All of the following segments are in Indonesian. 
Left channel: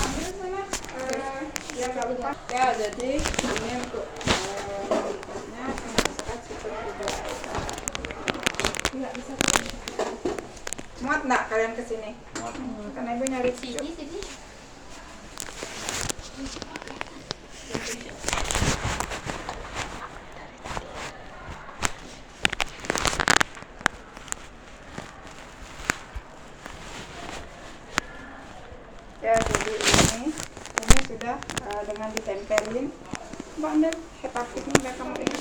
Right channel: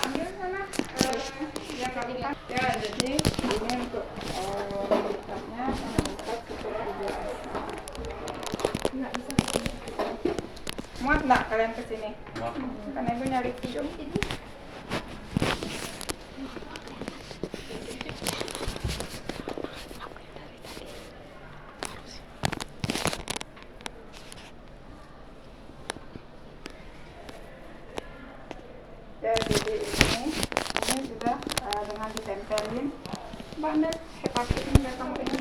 ambil sana. Ya nggak apa. Ya jadi ini untuk mobilitasnya start super nggak bisa. Muat nggak kalian kesini? Muat. Karena ibu nyari cucu. Ya jadi ini sudah dengan ditempelin bandel hepatit ini udah kamu ini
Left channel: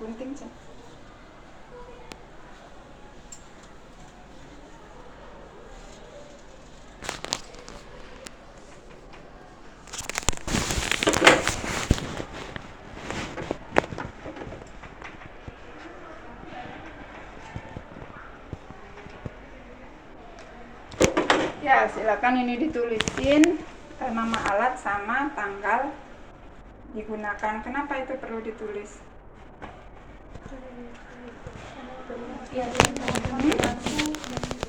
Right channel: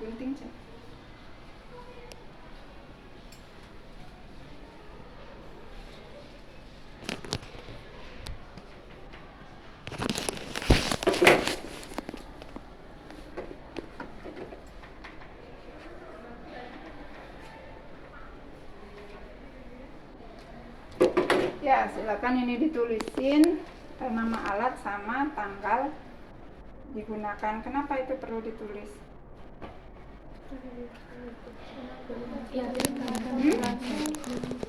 gunting sih. Ya silakan ini ditulisin nama alat sama tanggal digunakan. Kenapa itu perlu ditulis?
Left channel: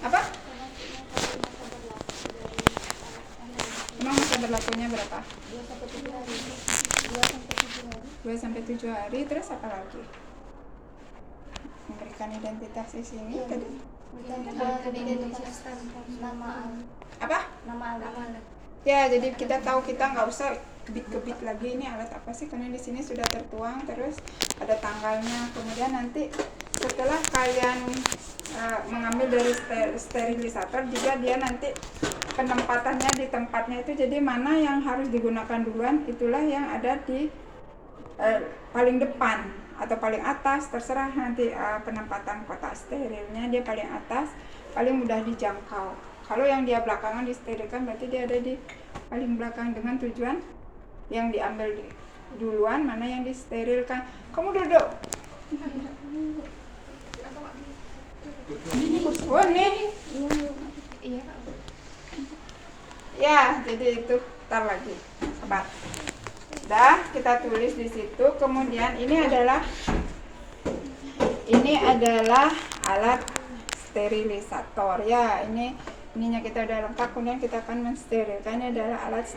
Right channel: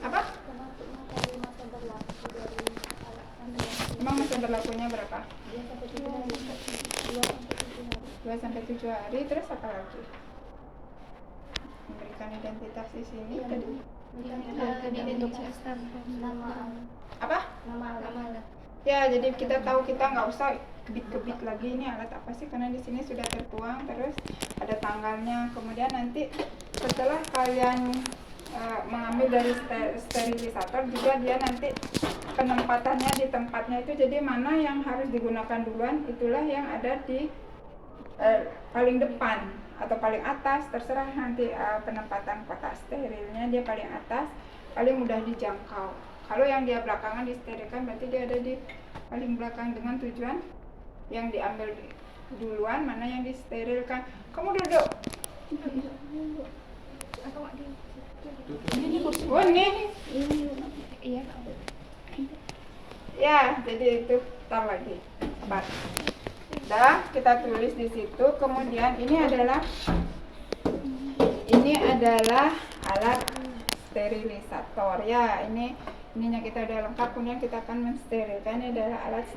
Apa? Emang masa berlakunya berapa? 2-7 hari. Terus apa lagi? Memberikan identitas di sini tadi. Apa? Nama alat. Ya, jadi kita tahu, kita nggak usah kebit-kebit lagi ini alat apa sih, karena di sini sudah tertuang, terus ada tanggalnya. Kemudian nanti setelah kalian mengambil dari sterilisator juga dia nanti penempatannya di tempatnya itu, jadi mana yang harus digunakan duluan itulah yang ada di paling depan atau paling atas, terserah nanti penempatan kotak sterilnya dia paling atas, paling mudah dijangkau. Kalau yang dia belakangan disterilkan berarti dia ada di paling belakang, dengan tujuan yang diambil duluan mana yang disterilkan. Kamu duduk. Ini oh nih. Iya. Ya, jadi itu tar lagi. Sabar. Dah, kita tulis di situ. Kemudian ini adalah alat sterilisator ya. Ininya kita udah lengkap. Kemudian kita akan mensterilkan. Ini adalah alat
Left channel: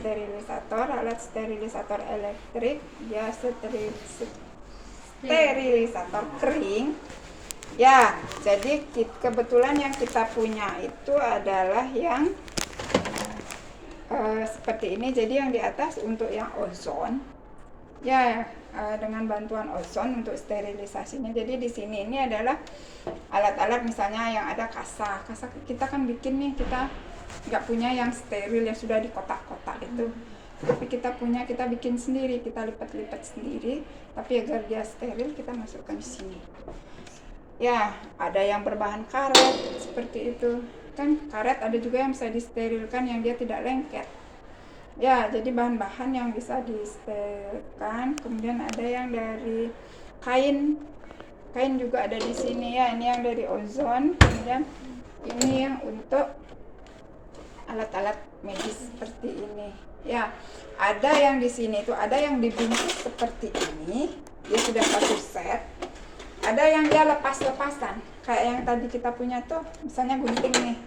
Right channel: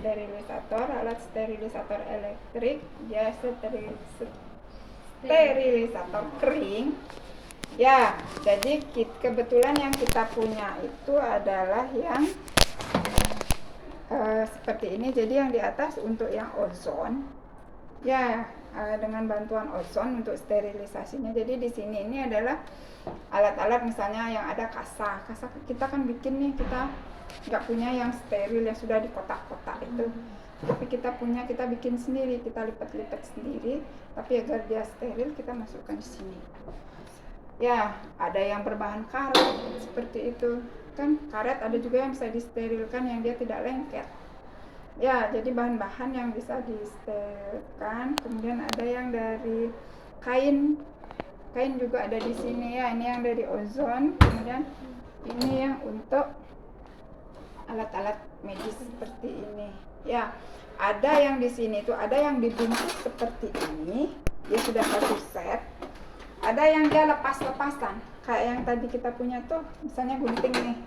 sterilisator elektrik. Dia sterilisator kering. Ya, jadi kebetulan yang kita punya itu adalah yang seperti ini. Jadi yang di atas untuk yang ozon. Ya, dengan bantuan ozon untuk sterilisasinya. Jadi di sini ini adalah alat-alat misalnya yang ada kasa kita kan bikin nih, kita nggak punya yang steril yang sudah di kotak-kotak itu, tapi kita bikin sendiri, kita lipat-lipat sendiri, tapi agar dia steril kita masukkan di sini. Ya, ada yang berbahan karet seperti itu kan, karet ada juga yang bisa disterilkan yang dia tidak lengket. Ya, jadi bahan-bahan yang bisa disterilkan. Kemudian ada yang dari kain juga ada di sini ya. Ini yang dari ozon. Kemudian ini yang untuk alat-alat medis seperti ini. Ya, ada yang di sini itu ada yang dibungkus seperti ini. Dia sudah satu set. Ada yang dia lepas-lepasan. Kayak yang tadi kita punya tuh, misalnya gunting nih.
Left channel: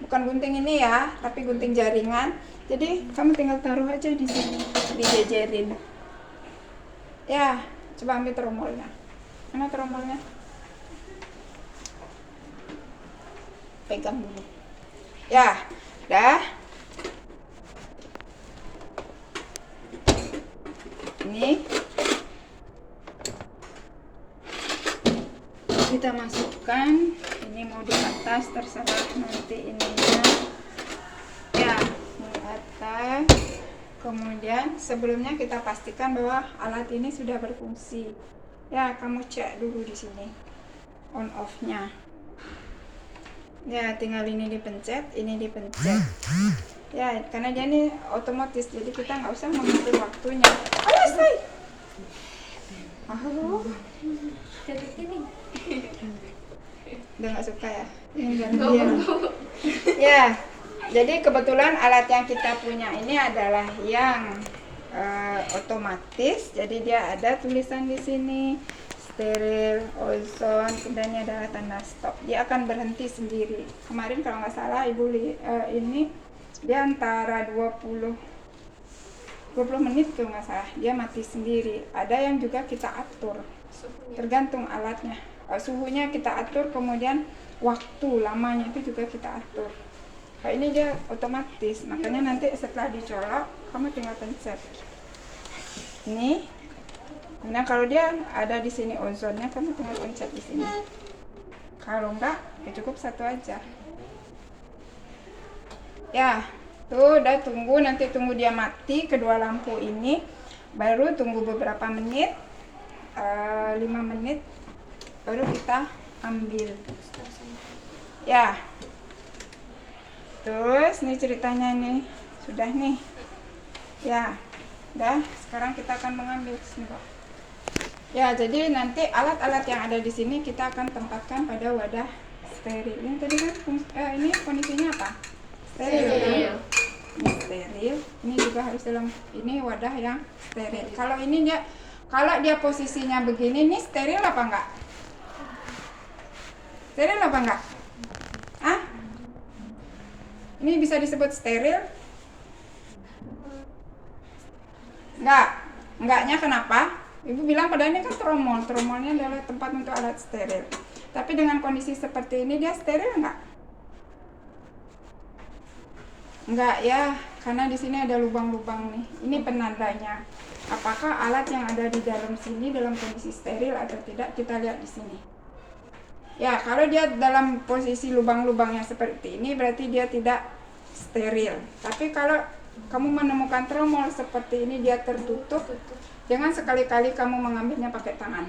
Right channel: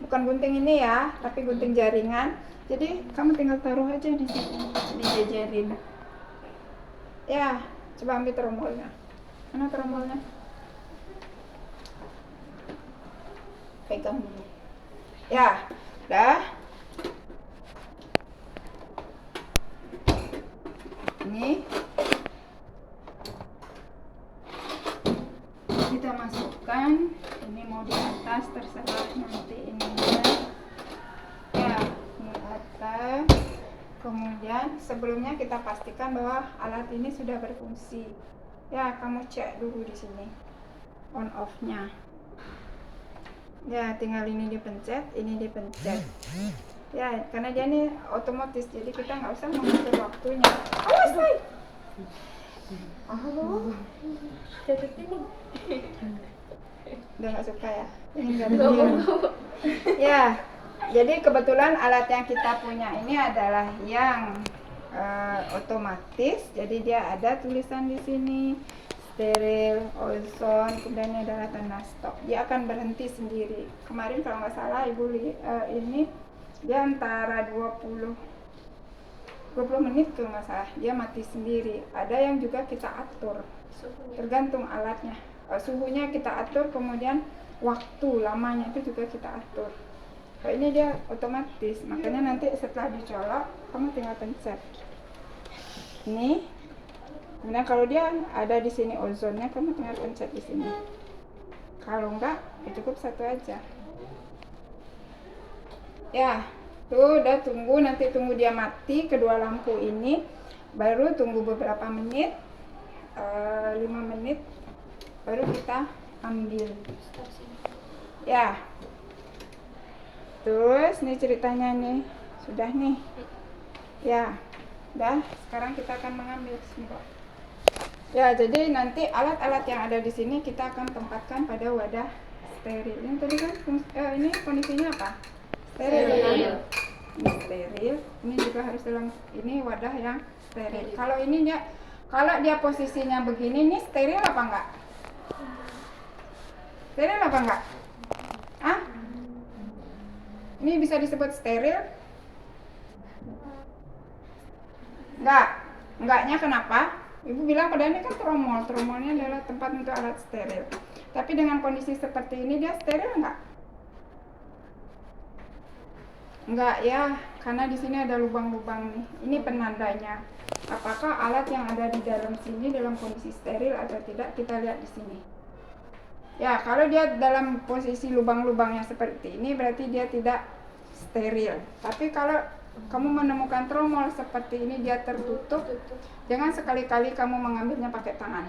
Bukan gunting ini ya, tapi gunting jaringan. Jadi kamu tinggal taruh aja di sini, dijejerin. Ya, coba ambil tromolnya. Mana tromolnya? Pegang dulu. Ya, dah. Ini kita masukkan. Ini mau di atas, terserah nanti ininya. Ya, di atas. Kemudian sebelumnya kita pastikan bahwa alat ini sudah berfungsi. Ya, kamu cek dulu di sini on off-nya. Ya, tinggal ini dipencet, ini dipencet. Ya, karena dia ini otomatis, jadi kita nggak usah mengatur waktunya. Ayo, say. Halo. Jadi ini. Udah nggak suka ya? Ini gantian. Ya, jadi kebetulan alat yang kita punya ini adalah yang otomatis, jadi dia ada tulisan di sini steril, ozon, kemudian ini adalah tanda stop. Dia akan berhenti sendiri. Kemarin kalau nggak salah ibu ini dia antara 20 menit tuh nggak salah, dia mati sendiri. Ada yang juga kita atur, tergantung alatnya. Suhunya kita atur, kemudian waktu lamanya itu juga kita atur. Nah, ini dia otomatis, makanya nanti setelah dicolok kamu tinggal pencet ini. Kemudian kalau dia ada di sini ozonnya, kamu tinggal pencet di sini. Kalau enggak, ya cukup satu aja. Ya. Tuh udah tunggu, nanti tunggu dia mati kedua lampu ini, baru tunggu beberapa menit, 5 menit, baru kita ambil. Ya, terus nih ceritanya nih, sudah nih. Ya, udah. Sekarang kita akan mengambil sini, Pak. Ya, jadi nanti alat-alat yang ada di sini kita akan tempatkan pada wadah steril. Ini tadi kan ini kondisinya apa? Steril. Kan? Ini steril. Ini juga harus dalam ini wadah yang steril. Kalau ini kalau dia posisinya begini, ini steril apa enggak? Steril apa enggak? Ah? Ini bisa disebut steril? Enggak. Enggaknya kenapa? Ibu bilang pada ini kan tromol. Tromolnya adalah tempat untuk alat steril. Tapi dengan kondisi seperti ini dia steril enggak? Enggak ya, karena di sini ada lubang-lubang nih. Ini penandanya. Apakah alat yang ada di dalam sini dalam kondisi steril atau tidak, kita lihat di sini. Ya, kalau dia dalam posisi lubang-lubangnya seperti ini, berarti dia tidak steril. Tapi kalau kamu menemukan tromol seperti ini, dia tertutup, jangan sekali-kali kamu mengambilnya pakai tangan.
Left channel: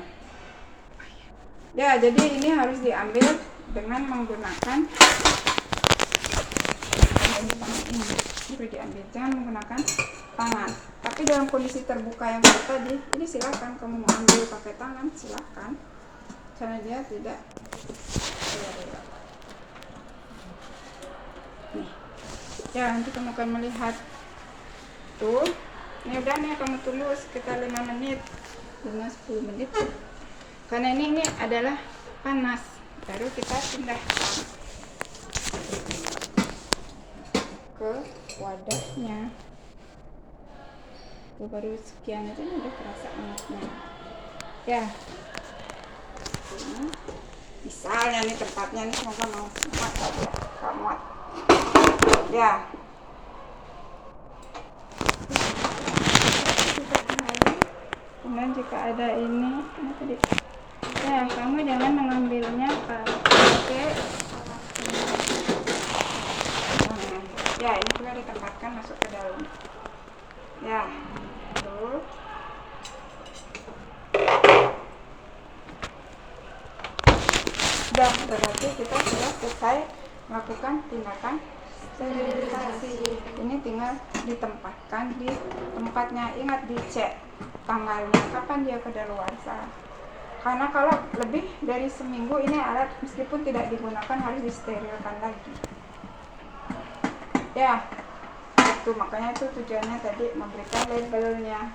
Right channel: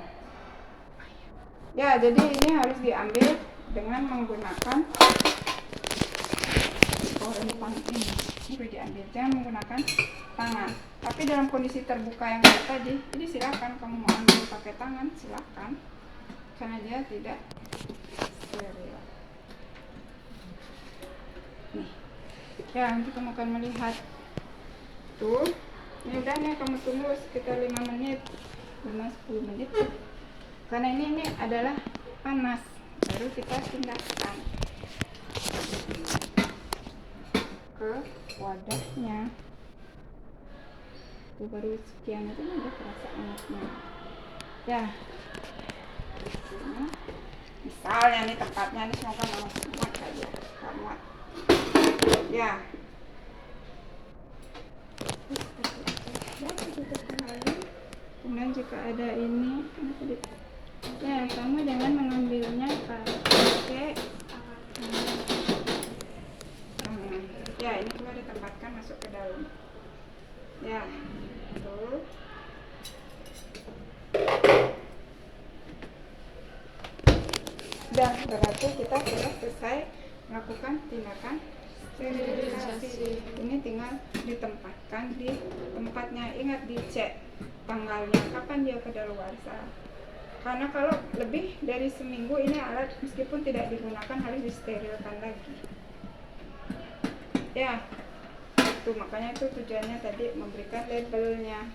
Ya, jadi ini harus diambil dengan menggunakan diambil, jangan menggunakan tangan. Tapi dalam kondisi terbuka yang tadi, ini silakan kamu mau ambil pakai tangan, silakan, karena dia tidak steril. Nih. Ya, nanti kamu akan melihat tuh. Ini udah nih, kamu tunggu sekitar 5 menit, 5-10 menit. Karena ini adalah panas, baru kita pindahkan ke wadahnya. Tuh baru sekian itu udah terasa angetnya. Ya. Nah, misalnya nih tempatnya nih semoga muat. Ya. Kemudian jika ada ini tadi, ya kamu jangan mengambilnya pakai. Ya, ini juga ditempatkan masuk ke dalam. Ya, tuh. Sudah, berarti kita sudah selesai melakukan tindakan sterilisasi. Ini tinggal ditempatkan di tempatnya. Ingat dicek tanggalnya, kapan dia kadaluarsa. Karena kalau lebih dari seminggu ini alat meskipun tidak digunakan harus disterilkan lagi. Ya, itu makanya itu tujuannya tadi memberikan labelnya.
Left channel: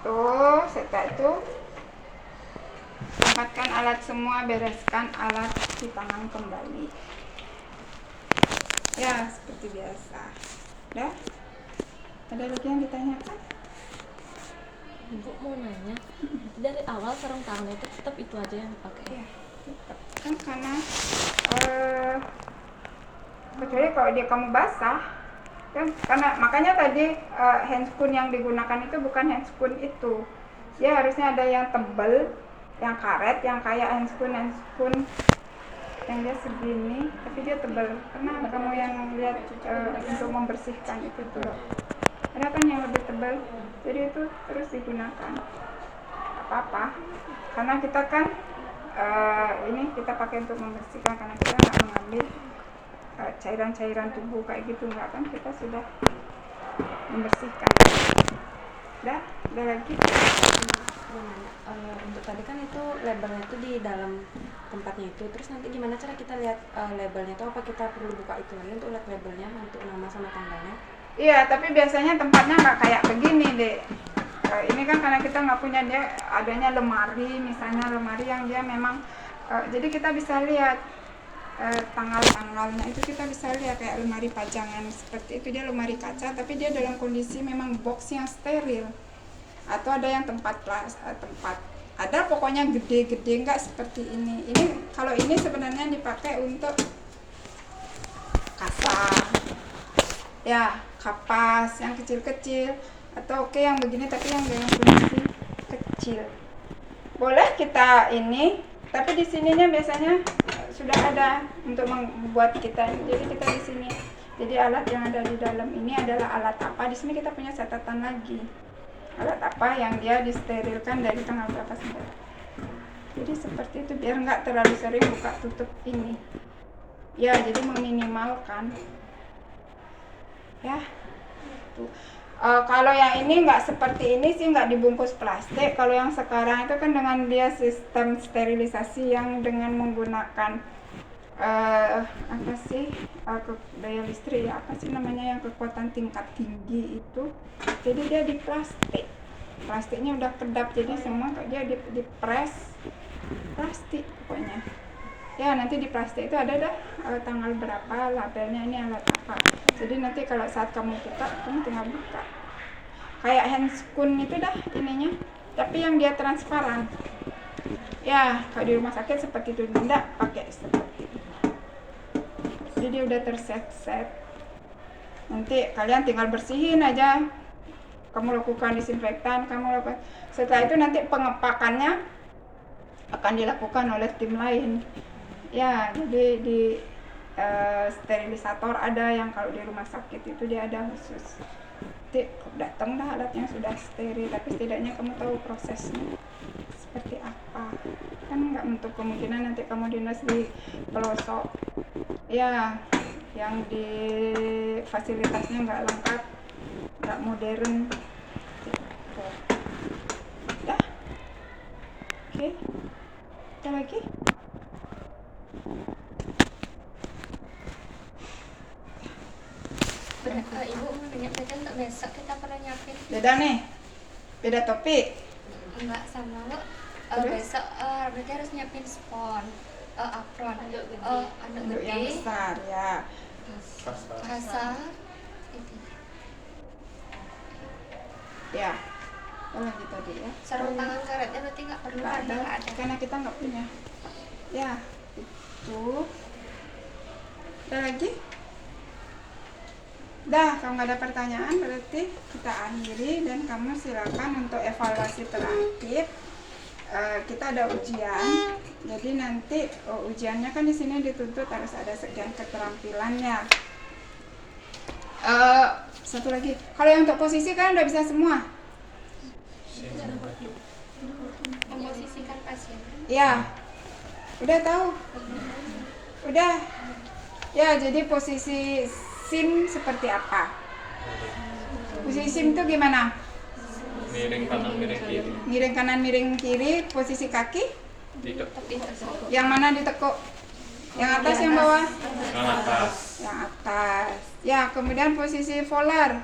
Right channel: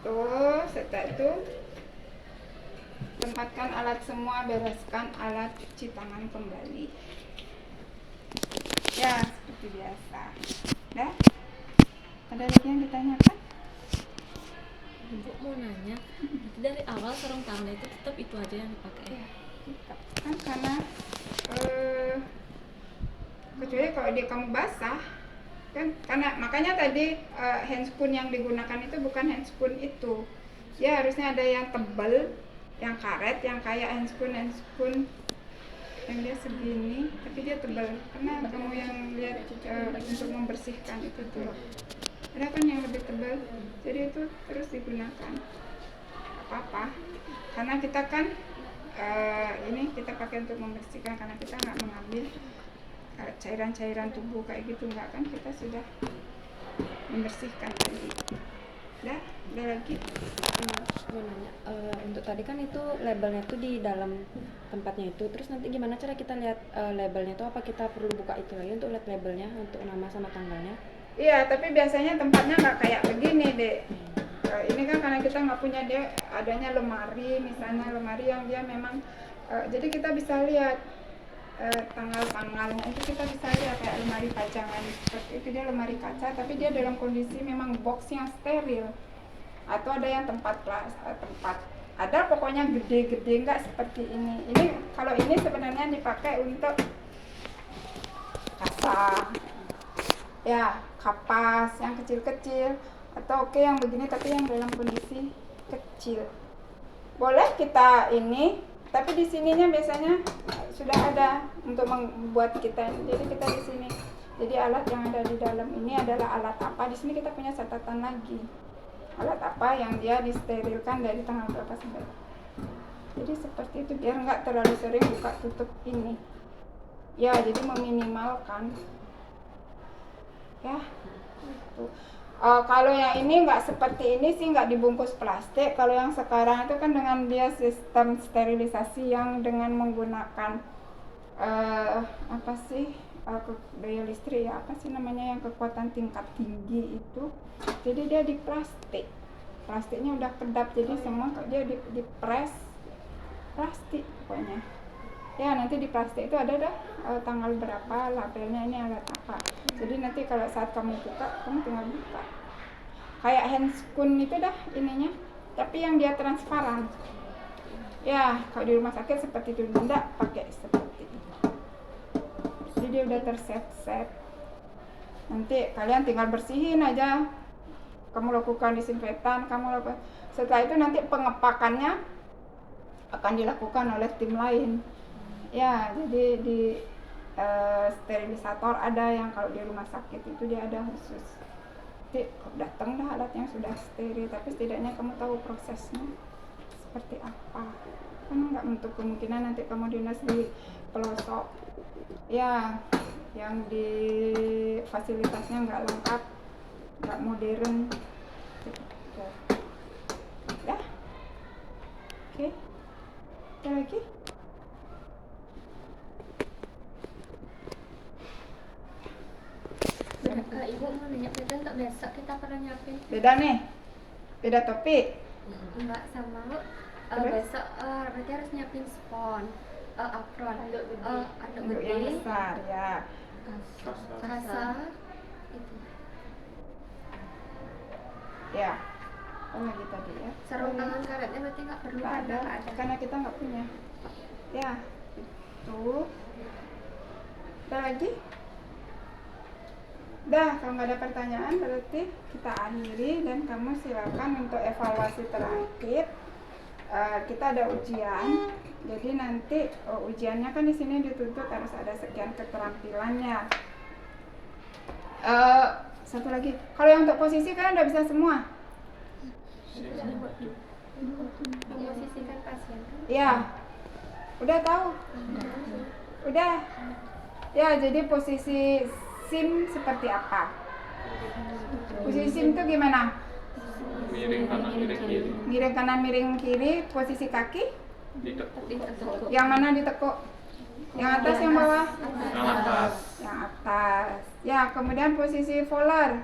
Tuh, setelah itu tempatkan alat semua, bereskan alat cuci tangan kembali. Ya, seperti biasa. Udah? Ada lagi yang ditanyakan? Ibu mau nanya, dari awal sarung tangan itu tetap itu aja yang dipakai? Ya, kan karena kecuali kalau dia kamu basah kan, karena makanya tadi handscoon yang digunakan itu bukan handscoon itu, dia harusnya ada yang tebal, yang karet, yang kayak handscoon yang dia segini tapi dia tebal, karena kamu yang lihat untuk membersihkan itu tuh ada kan yang lebih tebal, jadi itu terus digunakan apa-apa, karena kita kan ini kita pakai untuk membersihkan, karena kita nggak mengambil cairan-cairan tubuh kayak gitu, nggak kan, kita sudah membersihkan. Udah lagi Mau nanya, untuk tadi kan itu labelnya itu di dalam tempatnya itu, terus nanti gimana cara kita lihat labelnya itu, apa kita perlu buka itu lagi untuk lihat labelnya untuk nama sama tanggalnya? Iya, tapi biasanya tempatnya nggak kayak begini deh. Ini kan karena kita nggak punya, dia adanya lemari, misalnya lemari yang dia memang jadi kita bisa lihat tanggal-tanggalnya itu, kita bisa lihat kayak lemari pajangan seperti itu, dia lemari kaca tapi dia dalam kondisi memang box yang steril. Atau ada yang tempat ada pokoknya gede-gede, nggak seperti ini. Ini kalau ini sebenarnya dipakai untuk kasa, ya kapas yang kecil-kecil, atau oke yang begini tapi yang dalam kondisi kecil. Boleh kita ini, tapi di sininya biasanya sudah ada untuk membuat kita. Jadi kita di sini. Jadi alat yang ada di dalam ini adalah alat apa? Di sini kita punya catatan lagi. Alat apa yang dia disterilkan dari tanggal berapa sampai. Jadi seperti itu, biar nggak terlalu sering buka tutup ini. Ya, jadi meminimalkan. Ya. Tuh. Kalau yang ini nggak seperti ini sih, nggak dibungkus plastik. Kalau yang sekarang itu kan dengan dia sistem sterilisasi yang dengan menggunakan apa sih daya listrik ya, apa sih namanya, yang kekuatan tingkat tinggi itu. Jadi dia di plastiknya udah kedap, jadi semua dia di press plastik pokoknya. Ya, nanti di plastik itu ada tanggal berapa, labelnya ini alat apa. Jadi nanti kalau saat kamu buka, kamu tinggal buka. Kayak handscoon itu ininya, tapi yang dia transparan. Ya, kalau di rumah sakit seperti itu, benda pakai seperti itu. Jadi dia udah terset. Nanti kalian tinggal bersihin aja. Kamu lakukan disinfektan, setelah itu nanti pengepakannya akan dilakukan oleh tim lain. Ya, jadi di sterilisator ada yang kalau di rumah sakit itu dia ada khusus. Nanti datang alatnya sudah steril, tapi setidaknya kamu tahu prosesnya seperti apa. Kan nggak untuk kemungkinan nanti kamu dinas di pelosok, ya, yang di fasilitasnya nggak lengkap, nggak modern. Ya, oke. Ada lagi? Ibu mau nanya, beda nggak besok kita pernah nyiapin? Beda nih, beda topik. Enggak sama lu. Besok berarti harus nyiapin spon, apron, Untuk yang gede, besar ya. kasar, itu. Ya, apa lagi tadi ya? Sarung tangan karetnya berarti nggak perlu, Nggak ada, nggak ada. karena kita nggak punya. Ya, itu. Ada lagi? Dah, kalau nggak ada pertanyaan berarti kita akhiri, dan kamu silakan untuk evaluasi terakhir. Kita ada ujian, jadi nanti ujiannya kan di sini dituntut harus ada sekian keterampilannya. Satu lagi, kalau yang untuk posisi kan udah bisa semua. Memposisikan pasien. Ya, udah tahu, udah. Ya, jadi posisi SIM seperti apa? Posisi SIM itu gimana? Miring kanan miring kiri. Miring kanan, miring kiri. Posisi kaki? Ditekuk. Yang mana ditekuk? Yang atas, yang bawah? Yang atas. Yang atas. Ya, kemudian posisi volar.